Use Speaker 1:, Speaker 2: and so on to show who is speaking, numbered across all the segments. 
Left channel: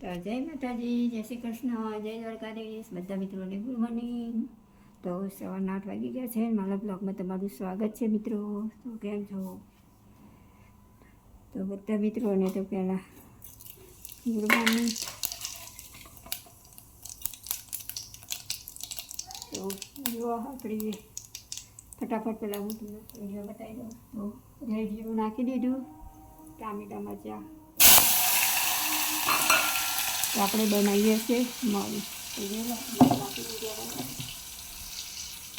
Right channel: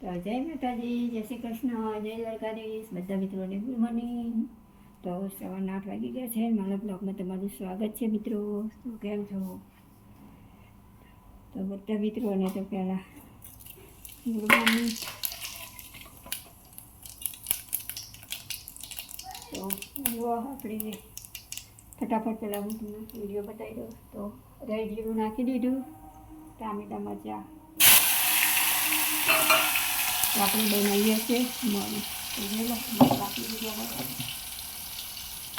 Speaker 1: તો જય માતાજી, જય શ્રી કૃષ્ણ, જય દ્વારકાધીશ. બધા મિત્રોને ગુડ મોર્નિંગ. તો સવારના આઠ વાગી ગયા છે મારા બ્લોગમાં તમારું સ્વાગત છે મિત્રો. તો કેમ છો? તો બધા મિત્રોને તો પહેલાં ગુડ મોર્નિંગ. તો જુઓ આપણે ફટાફટ પહેલાં હું તમને વીડિયો બતાવી દઉં તો રાઈ જીરું નાખી દીધું. ટામેટા મરચાં આપણે બનાવીએ છીએ મગ.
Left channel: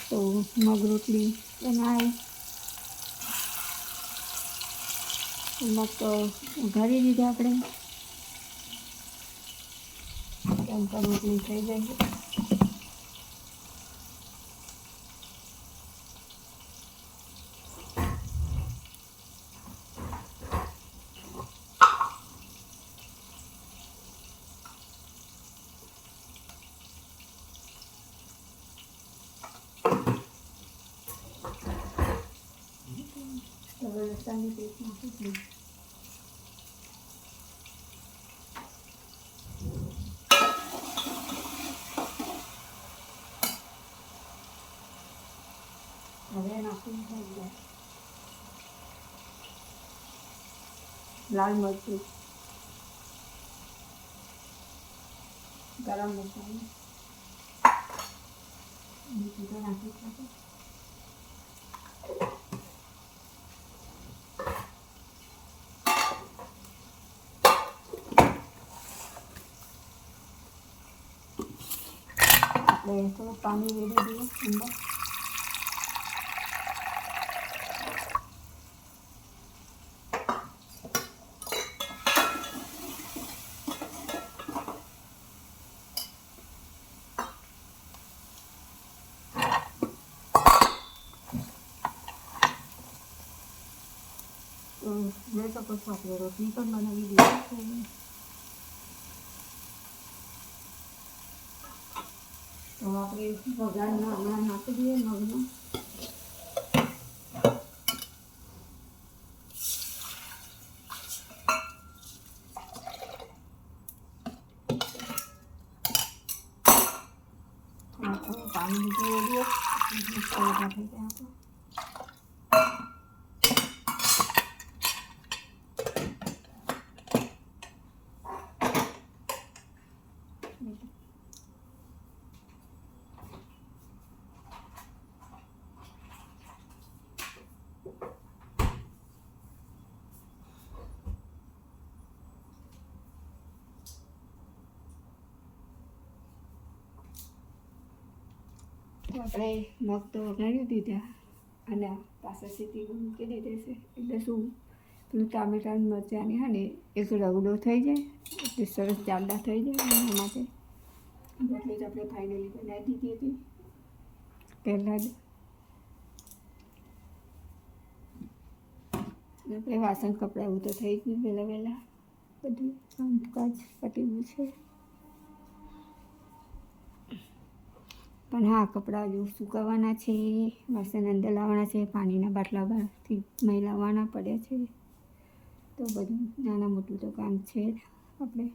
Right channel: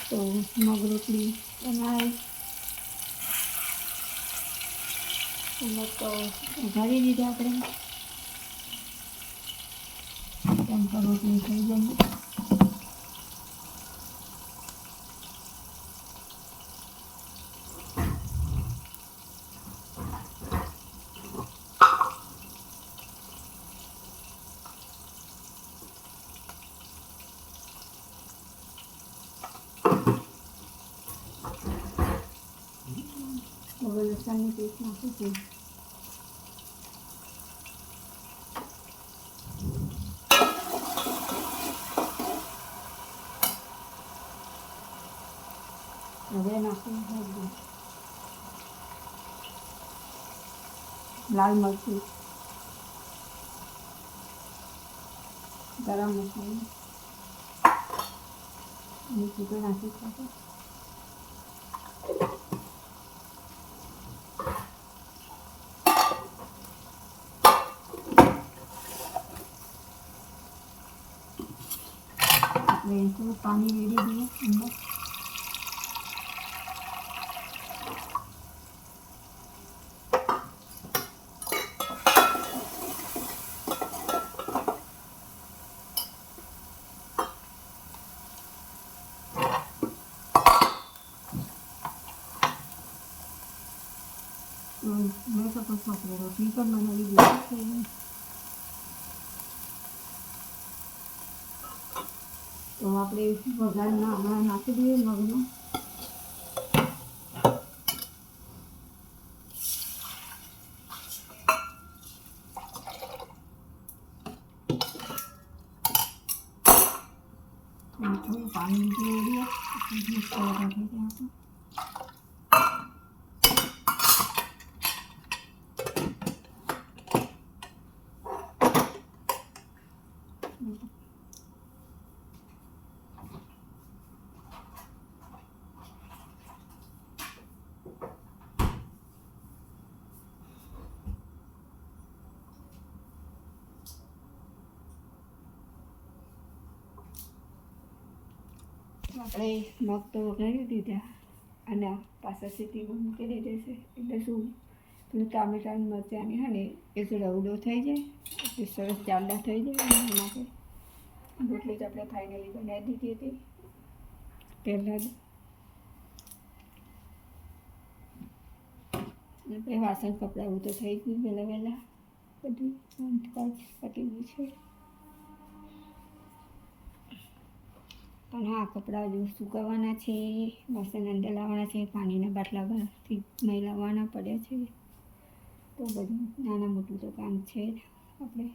Speaker 1: તો મગ રોટલી બનાવી. મગ તો ઉઘાડી દીધે આપણે. તેમ રોટલી થઈ જાય તો હવે લસણની પેસ્ટ નાખું છું હવે નાખું લાલ મરચું. ગરમ મસાલો અને સીધું નાખી શકું આપણે થોડું પાણી રેડી દઈએ અંદર તો જોઈ શકો છો આપણે રોટલી પણ બનાવી દીધી છે તો આપણે વઘારના હમણાં નાખી દઈએ મગનો પાણી મસ્ત વઘાર થઈ જાય આપણો. આપણે મગ તો વઘારી દીધા અને પાછા સીટી મૂકી દીધી છે. એટલે શું? પેલું ટામેટાં મરચાંની હા ને એક રવડો થઈ જાય. એટલે સરસ જાડા થઈ જાય એના માટે. એટલે જ આપણે ફાઇનલી બનાવી દીધી હતી. પહેલાં જ. આપણે વાસણ કપડાં એવું તો થઈ ગયું વહેલા વહેલા બધું કામકાજ પતી ગયું છે. પણ હા, કપડાં જો સુકાવવાના છે, વાસણ અંદર લાવવાના છે, પાણીના બાટલા બહારથી લાવવાના પડ્યા છે. તો બધું નાના મોટું તો કામ છે આપણે.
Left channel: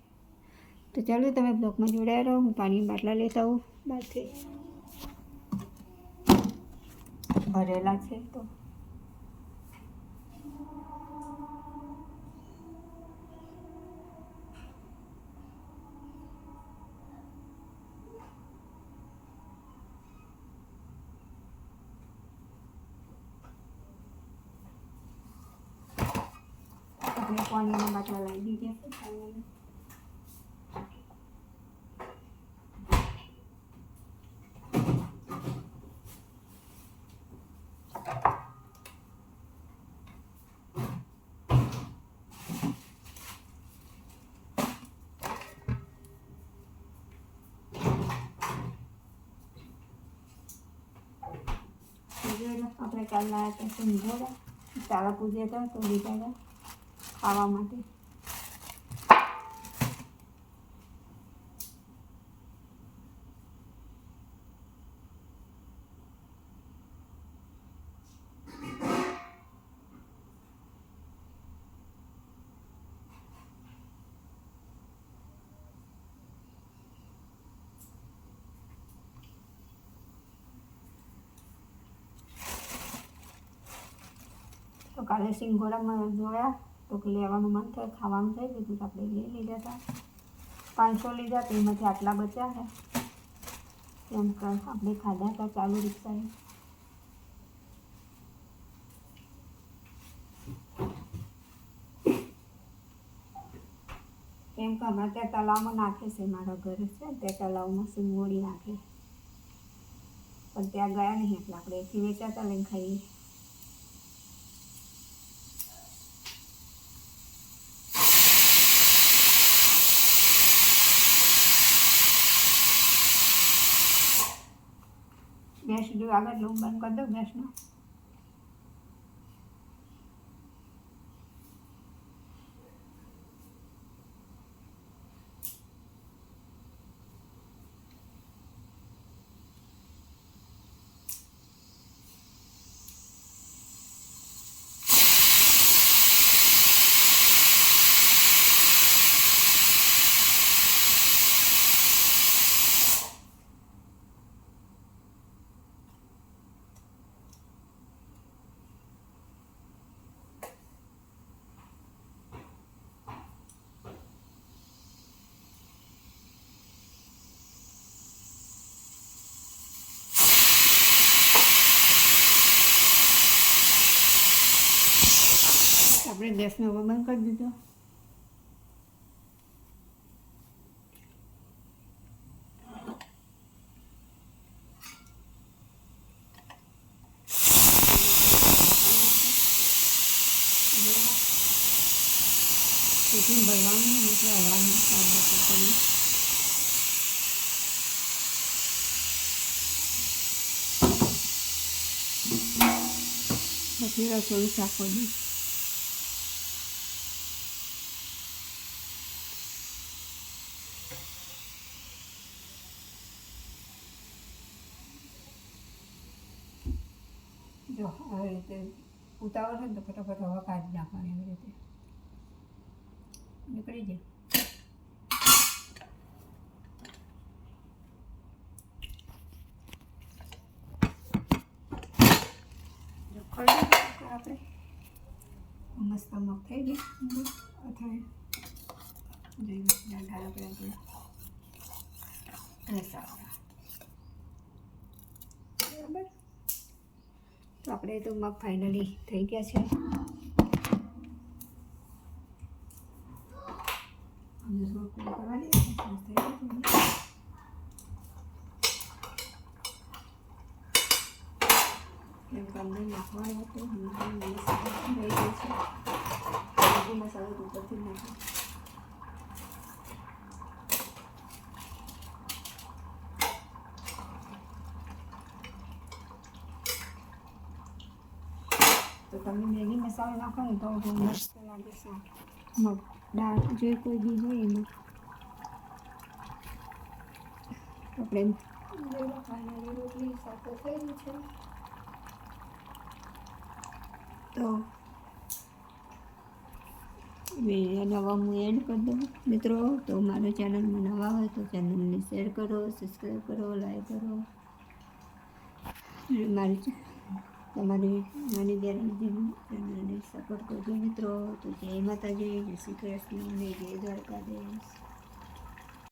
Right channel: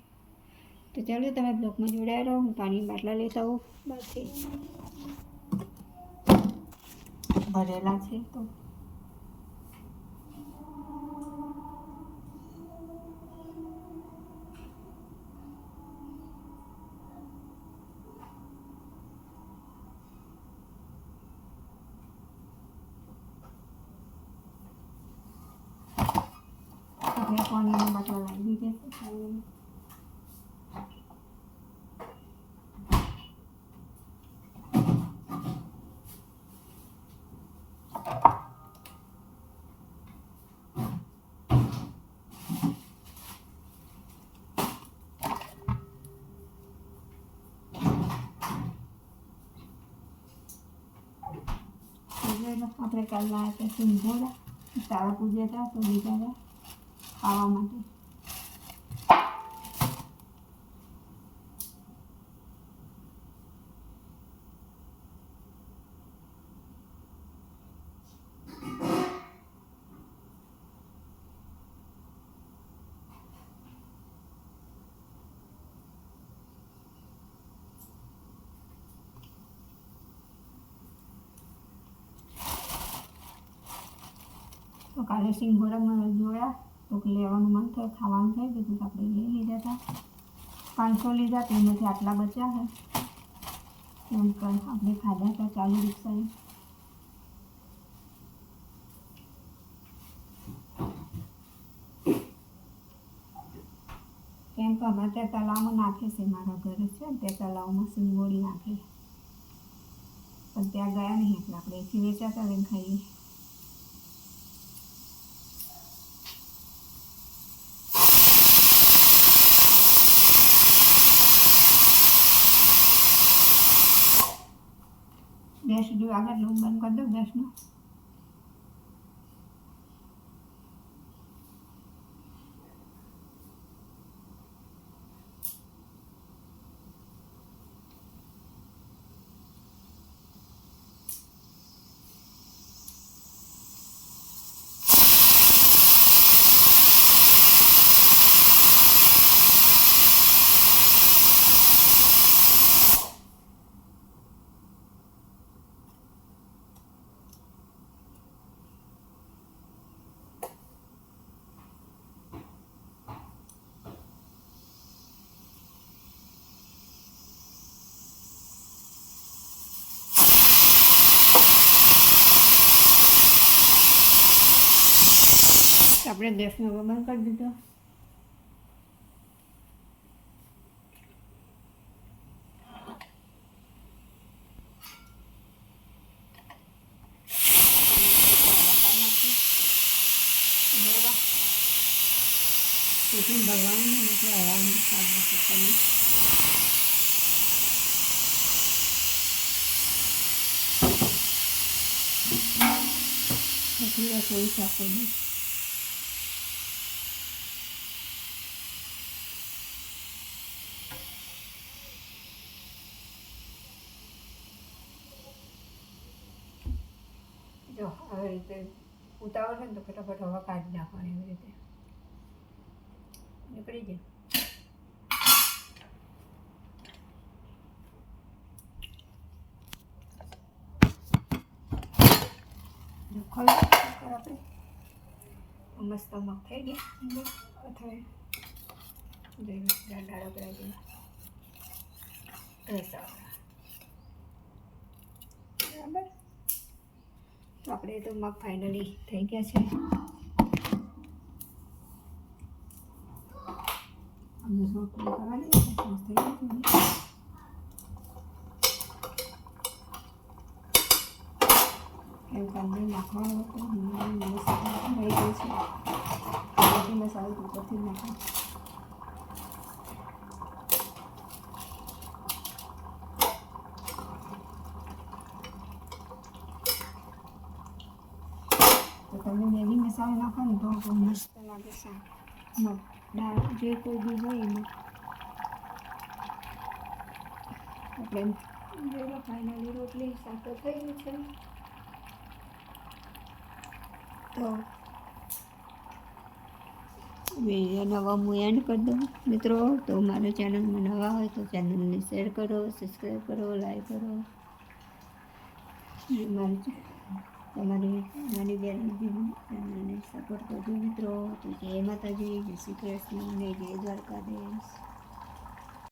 Speaker 1: તો ચાલો તમે બ્લોકમાં જોડાયા રહો, હું પાણી બાટલા લેતા આવું. બહારથી ભરેલા છે તો. આપણે પાણીના બાટલા લાવી દીધા છે આપણે કાલ લાવ્યા હતા સમજાવ્યા તારા પૂજ્યા હતા તો લીધા kalau mati Kalau sing goreng juga. ya તો લેવાનું મન થાય, ખાવાનું થઈ ગયું તો આપણે લઈ લીધા હતા પાંચસો લીધા તેમાંથી આટલા બચ્યા છે એમ આપણે ખાધા હતા, ચાલુ રિક્ષાએ. કેમ કે અમારે ત્યાં તલાવમાં નાખે છે મારા ઘરે, છે ને? ત્યાં તલાવમાં સિંગોળી નાખે. પણ ત્યાં ગયા નહીં, એટલે આપણે એથી વેચાતા લઈને ખાઈએ ગેસ જો આગળ લઉં બંધ કરી દઉં ગેસનો. આપણે ગેસનો હવે કરી દીધો. ટિફિન ભરવાનું એટલે હવાનું સ્વાદ બપોર કરી પછી રસોઈ શાકો જો, આવી રીતે ઉતાવળ છે ને તો ફટાફટ હવા કાઢી નાખવાની એવી રીતે. નીકળી જાય આપણે. મસ્ત મગ થઈ ગયા. અથવા જોઈએ બરાબર? તો આપણે તો મગ ફાઇનલી થઈ ગયા છે. નાખવાનું નાખવાનો હતો. મસાલો ઉપરથી નાખો. મેગી મસાલો નાખો ને તો બહુ મસ્ત લાગે શાક મગ દાળ જે કોઈ બી હોય એમાં આપણે જોઈ લો ફાઇનલી રોટલી શાક તો થઈ ગયું છે તો વીડિયો નવા હું એન્ડ કરી દઉં મિત્રો તો મારા ચેનલમાં નવા હોય તો ચેનલને શેર કરો સબસ્ક્રાઈબ કરો લાઈક કરો અને મારી તમારી નાની ચેનલને સપોર્ટ કરજો મિત્રો. તો જય માતાજી જય શ્રી કૃષ્ણ જય દ્વારકાધીશ.